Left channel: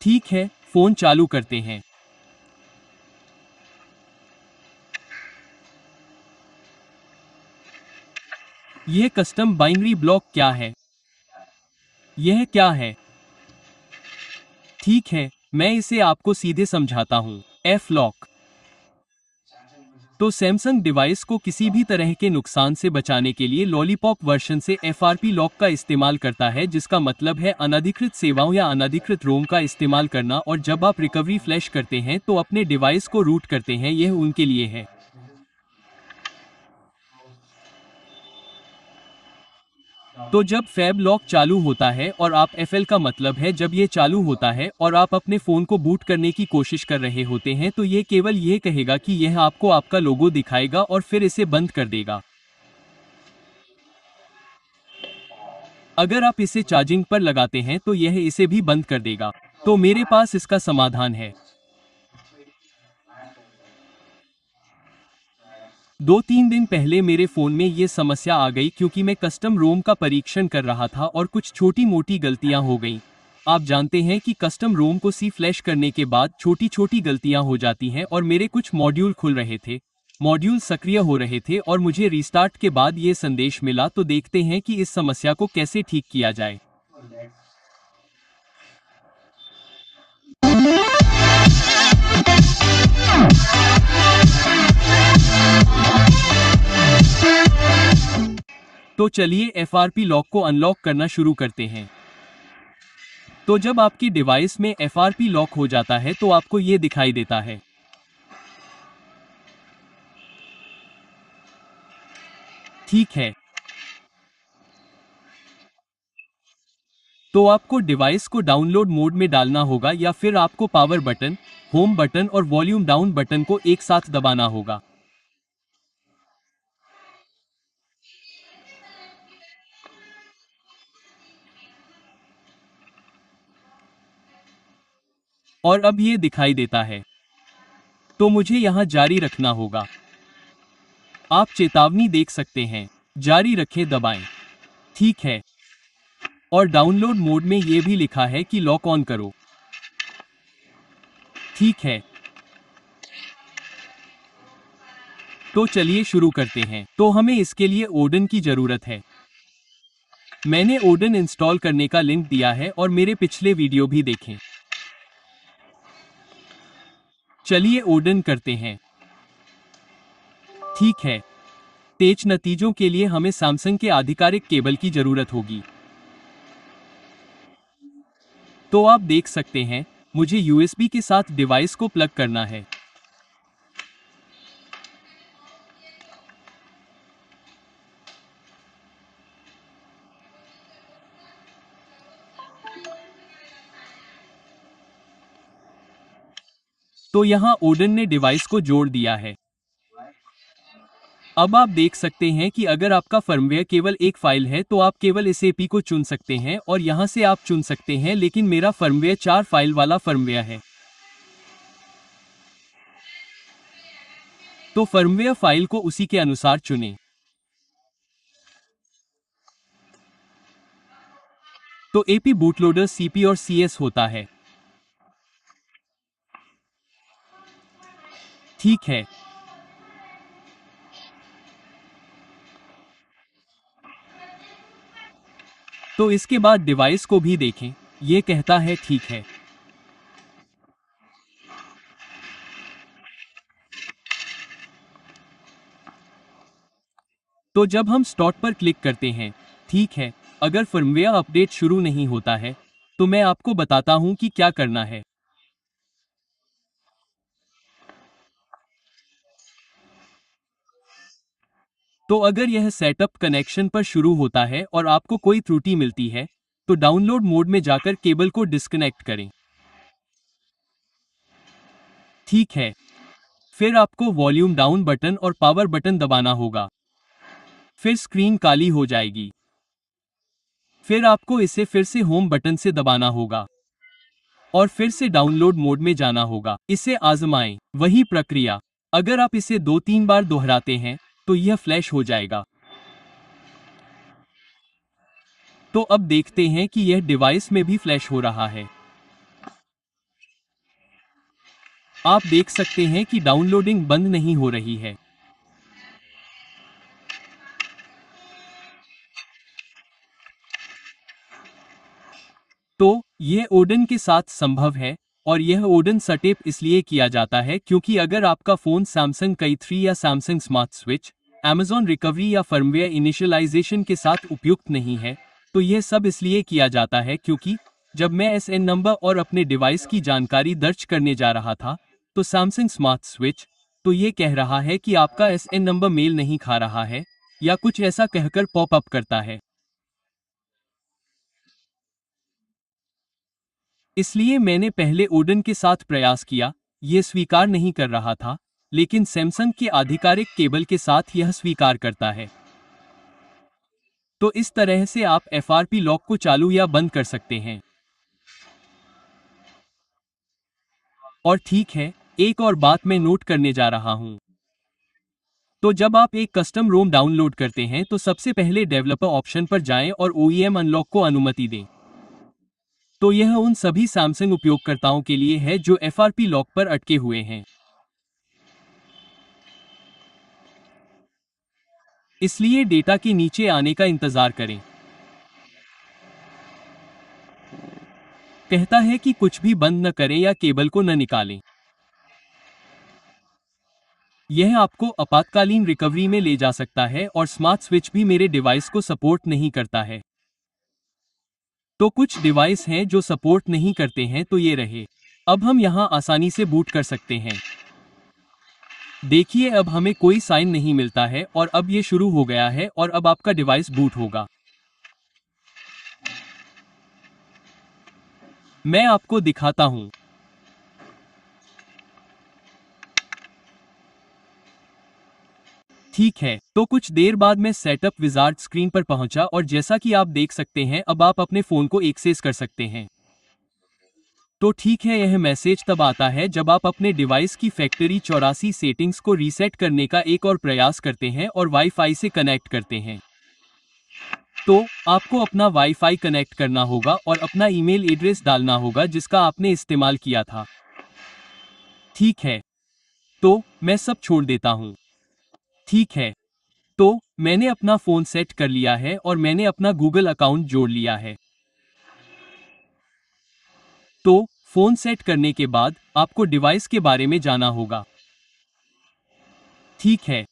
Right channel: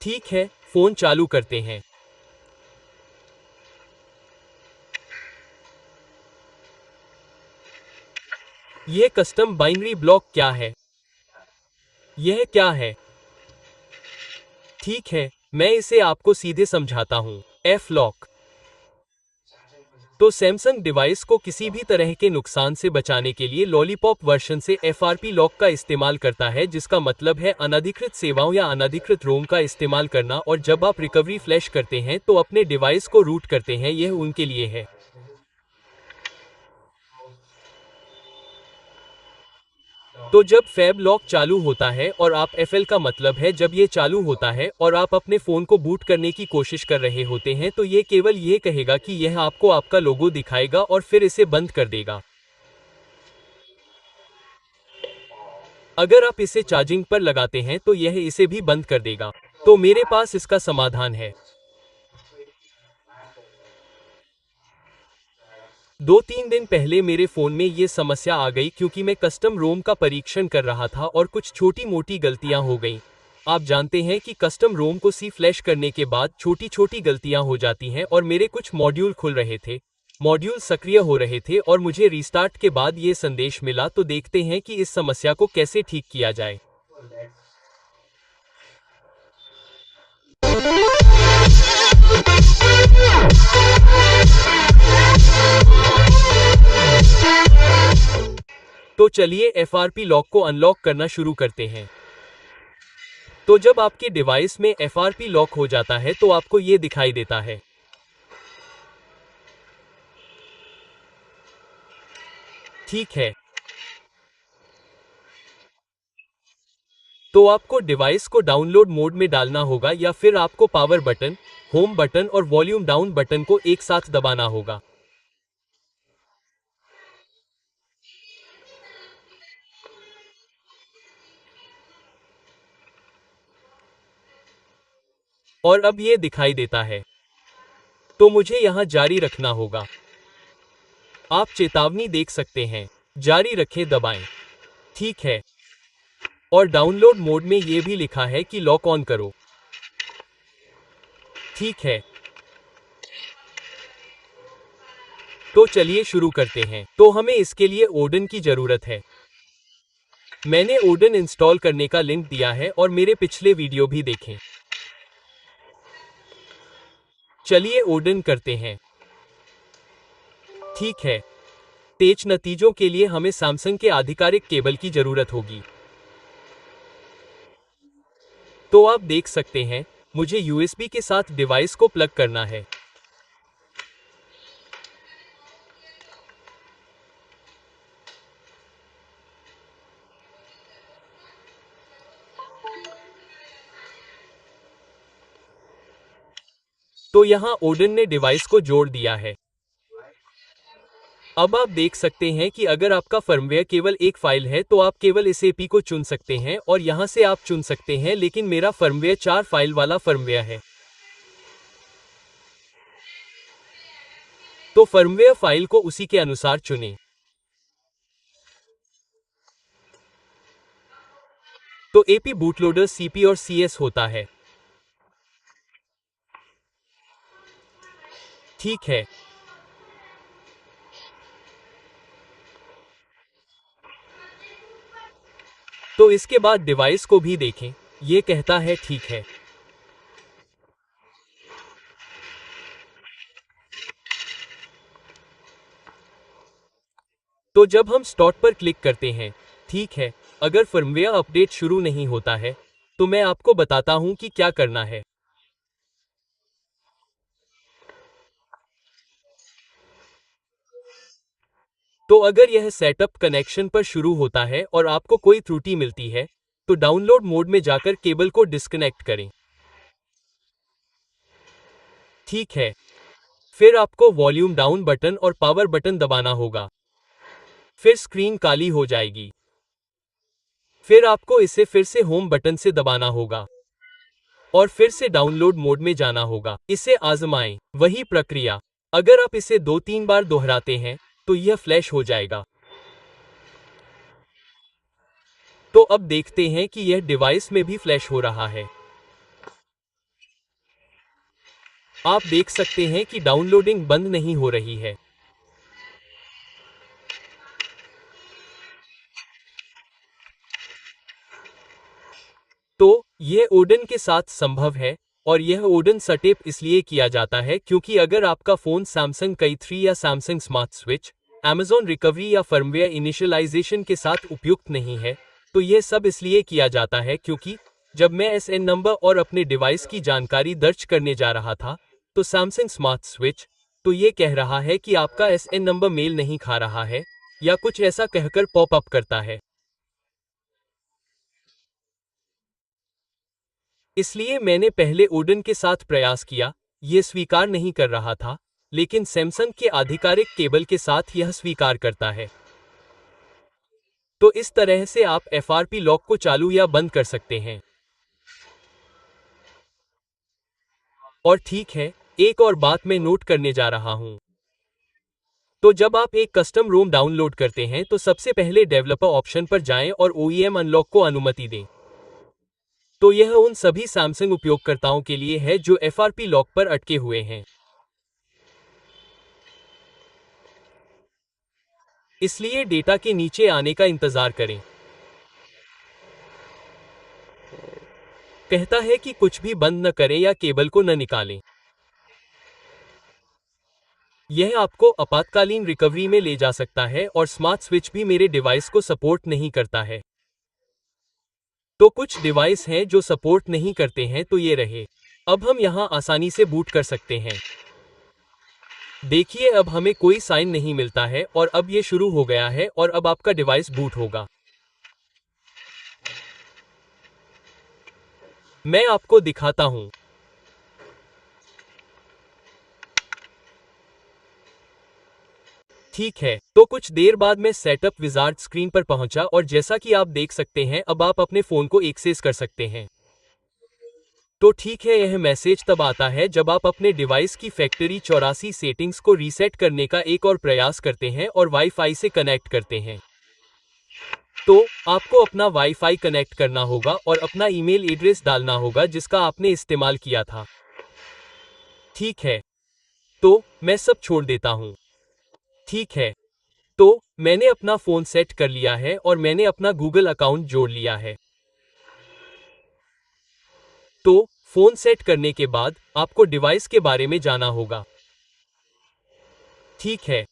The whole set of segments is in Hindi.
ठीक है, फोन चालू करते हैं। यह कस्टम बाइनरी ब्लॉक क्या है? यह क्या है? ठीक है, मैं इसे आपको सीधे समझाता हूँ। एफ लॉक तो सैमसंग डिवाइस को किसी भी तरह के नुकसान से बचाने के लिए लॉलीपॉप वर्जन से एफआरपी लॉक का इस्तेमाल करता है, जिसका मतलब है अनधिकृत सेवाओं या अनधिकृत रोम का इस्तेमाल करना। और जब आप रिकवरी फ्लैश करते हैं तो अपने डिवाइस को रूट करते हैं, यह उनके लिए है। तो जब फैब लॉक चालू होता है और आप एफएल का मतलब है जब ये चालू होता है और आप अपने फ़ोन को बूट करने की कोशिश कर रहे होते हैं, तो ये केवल ये कहेगा कि यह आपको आपका लोगो दिखाएगा और फिर इसे बंद कर देगा। अगर आप इसे चार्जिंग पर लगाते हैं तो यह इसे भी बंद कर देगा। तो मेरे पास इसका समाधान है। 2-3 दिन पहले मेरे फ़ोन में ये समस्या आ गई क्योंकि मैं कस्टम रोम का परीक्षण कर रहा था और कुछ छोटी मोटी गलतियां हो गईं। आप जानते हैं कि कस्टम रोम को सी फ्लैश करने के बाद छोटी छोटी गलतियां हो जाती हैं और मेरे कुछ मॉड्यूल खुल रहे थे, मॉड्यूल सक्रिय हो रहे थे और मुझे रीस्टार्ट के बाद ये संदेश मिला। तो देखते हैं कि इस समस्या को कैसे ठीक किया जाए। तो चलिए एफआरपी लॉक को अनलॉक करना शुरू करते हैं। तो जब आपके डिवाइस में एफआरपी लॉक हो जाता है तो आपको ये दिखाई देता है। ठीक है, तो आपको डिवाइस को डाउनलोड मोड में डालना होगा या फिर आपको पावर बटन, होम बटन और वॉल्यूम डाउन बटन को एक साथ दबाना होगा। और अब ये दिखाई देता है, तो मुझे यहाँ जारी रखना होगा। आप चेतावनी देख सकते हैं, जारी रखें दबाएं। ठीक है, और डाउनलोड मोड में ये भी लिखा है कि लॉक ऑन करो। ठीक है, तो चलिए शुरू करते हैं। तो हमें इसके लिए ओडन की जरूरत है। मैंने ओडन इंस्टॉल करने का लिंक दिया है और मेरे पिछले वीडियो भी देखें। चलिए ओडन करते हैं। ठीक है, तेज नतीजों के लिए हमें सैमसंग के आधिकारिक केबल की जरूरत होगी। तो आप देख सकते हैं, मुझे यूएसबी के साथ डिवाइस को प्लग करना है। तो यहाँ ओडन ने डिवाइस को जोड़ दिया है। अब आप देख सकते हैं कि अगर आपका फर्मवेयर केवल एक फाइल है तो आप केवल इस एपी को चुन सकते हैं और यहाँ से आप चुन सकते हैं, लेकिन मेरा फर्मवेयर 4 फाइल वाला फर्मवेयर है। तो फर्मवेयर फाइल को उसी के अनुसार चुनें। तो एपी बूटलोडर सीपी और सीएस होता है। ठीक है, तो इसके बाद डिवाइस को भी देखें, ये कहता है ठीक है। तो जब हम स्टार्ट पर क्लिक करते हैं, ठीक है, अगर फर्मवेयर अपडेट शुरू नहीं होता है तो मैं आपको बताता हूं कि क्या करना है। तो अगर यह सेटअप कनेक्शन पर शुरू होता है और आपको कोई त्रुटि मिलती है तो डाउनलोड मोड में जाकर केबल को डिस्कनेक्ट करें। ठीक है, फिर आपको वॉल्यूम डाउन बटन और पावर बटन दबाना होगा। फिर स्क्रीन काली हो जाएगी। फिर आपको इसे फिर से होम बटन से दबाना होगा और फिर से डाउनलोड मोड में जाना होगा। इसे आजमाएं, वही प्रक्रिया। अगर आप इसे 2-3 बार दोहराते हैं तो यह फ्लैश हो जाएगा। तो अब देखते हैं कि यह डिवाइस में भी फ्लैश हो रहा है। आप देख सकते हैं कि डाउनलोडिंग बंद नहीं हो रही है। तो यह ओडन के साथ संभव है, और यह ओडन सेटअप इसलिए किया जाता है क्योंकि अगर आपका फोन सैमसंग कई 3 या Samsung smart switch, Amazon recovery या फर्मवेयर इनिशियलाइजेशन के साथ उपयुक्त नहीं है, तो यह सब इसलिए किया जाता है क्योंकि जब मैं एसएन नंबर और अपने डिवाइस की जानकारी दर्ज करने जा रहा था, तो सैमसंग स्मार्ट स्विच तो ये कह रहा है कि आपका एसएन नंबर मेल नहीं खा रहा है, या कुछ ऐसा कहकर पॉप अप करता है। इसलिए मैंने पहले ओडन के साथ प्रयास किया, ये स्वीकार नहीं कर रहा था, लेकिन सैमसंग के आधिकारिक केबल के साथ यह स्वीकार करता है। तो इस तरह से आप एफआरपी लॉक को चालू या बंद कर सकते हैं। और ठीक है, एक और बात मैं नोट करने जा रहा हूं। तो जब आप एक कस्टम रोम डाउनलोड करते हैं तो सबसे पहले डेवलपर ऑप्शन पर जाएं और ओईएम अनलॉक को अनुमति दें। तो यह उन सभी सैमसंग उपयोगकर्ताओं के लिए है जो एफआरपी लॉक पर अटके हुए हैं। इसलिए डेटा के नीचे आने का इंतजार करें। कहता है कि कुछ भी बंद न करें या केबल को न निकालें। यह आपको आपातकालीन रिकवरी में ले जा सकता है, और स्मार्ट स्विच भी मेरे डिवाइस को सपोर्ट नहीं करता है। तो कुछ डिवाइस हैं जो सपोर्ट नहीं करते हैं, तो ये रहे। अब हम यहां आसानी से बूट कर सकते हैं। देखिए, अब हमें कोई साइन नहीं मिलता है और अब ये शुरू हो गया है और अब आपका डिवाइस बूट होगा। मैं आपको दिखाता हूं। ठीक है, तो कुछ देर बाद मैं सेटअप विजार्ड स्क्रीन पर पहुंचा और जैसा कि आप देख सकते हैं, अब आप अपने फोन को एक्सेस कर सकते हैं। तो ठीक है, यह मैसेज तब आता है जब आप अपने डिवाइस की फैक्ट्री 84 सेटिंग्स को रीसेट करने का एक और प्रयास करते हैं और वाईफाई से कनेक्ट करते हैं। तो आपको अपना वाईफाई कनेक्ट करना होगा और अपना ईमेल एड्रेस डालना होगा जिसका आपने इस्तेमाल किया था। ठीक है, तो मैं सब छोड़ देता हूँ। ठीक है, तो मैंने अपना फ़ोन सेट कर लिया है और मैंने अपना गूगल अकाउंट जोड़ लिया है। तो फ़ोन सेट करने के बाद आपको डिवाइस के बारे में जाना होगा। ठीक है,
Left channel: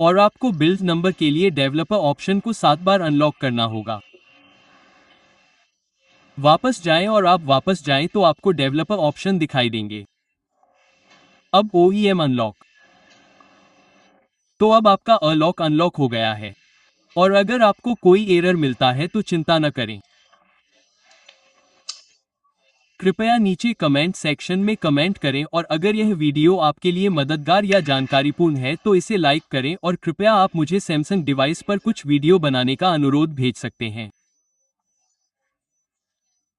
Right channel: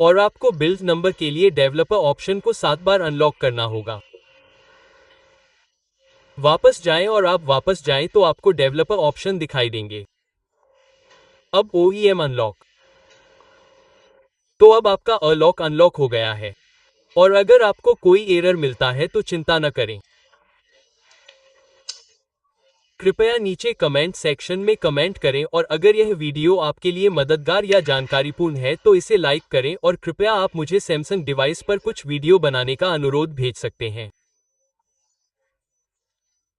और आपको बिल्ड नंबर के लिए डेवलपर ऑप्शन को 7 बार अनलॉक करना होगा। वापस जाएं और आप वापस जाएं तो आपको डेवलपर ऑप्शन दिखाई देंगे। अब ओईएम अनलॉक। तो अब आपका अनलॉक अनलॉक हो गया है। और अगर आपको कोई एरर मिलता है तो चिंता न करें। कृपया नीचे कमेंट सेक्शन में कमेंट करें, और अगर यह वीडियो आपके लिए मददगार या जानकारीपूर्ण है तो इसे लाइक करें, और कृपया आप मुझे सैमसंग डिवाइस पर कुछ वीडियो बनाने का अनुरोध भेज सकते हैं।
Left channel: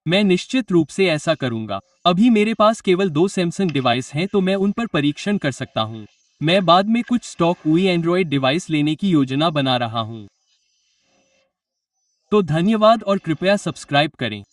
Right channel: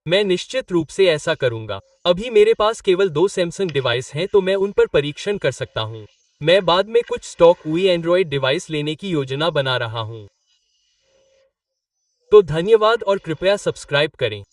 मैं निश्चित रूप से ऐसा करूंगा। अभी मेरे पास केवल 2 सैमसंग डिवाइस हैं, तो मैं उन पर परीक्षण कर सकता हूं। मैं बाद में कुछ स्टॉक हुई एंड्रॉयड डिवाइस लेने की योजना बना रहा हूं। तो धन्यवाद और कृपया सब्सक्राइब करें।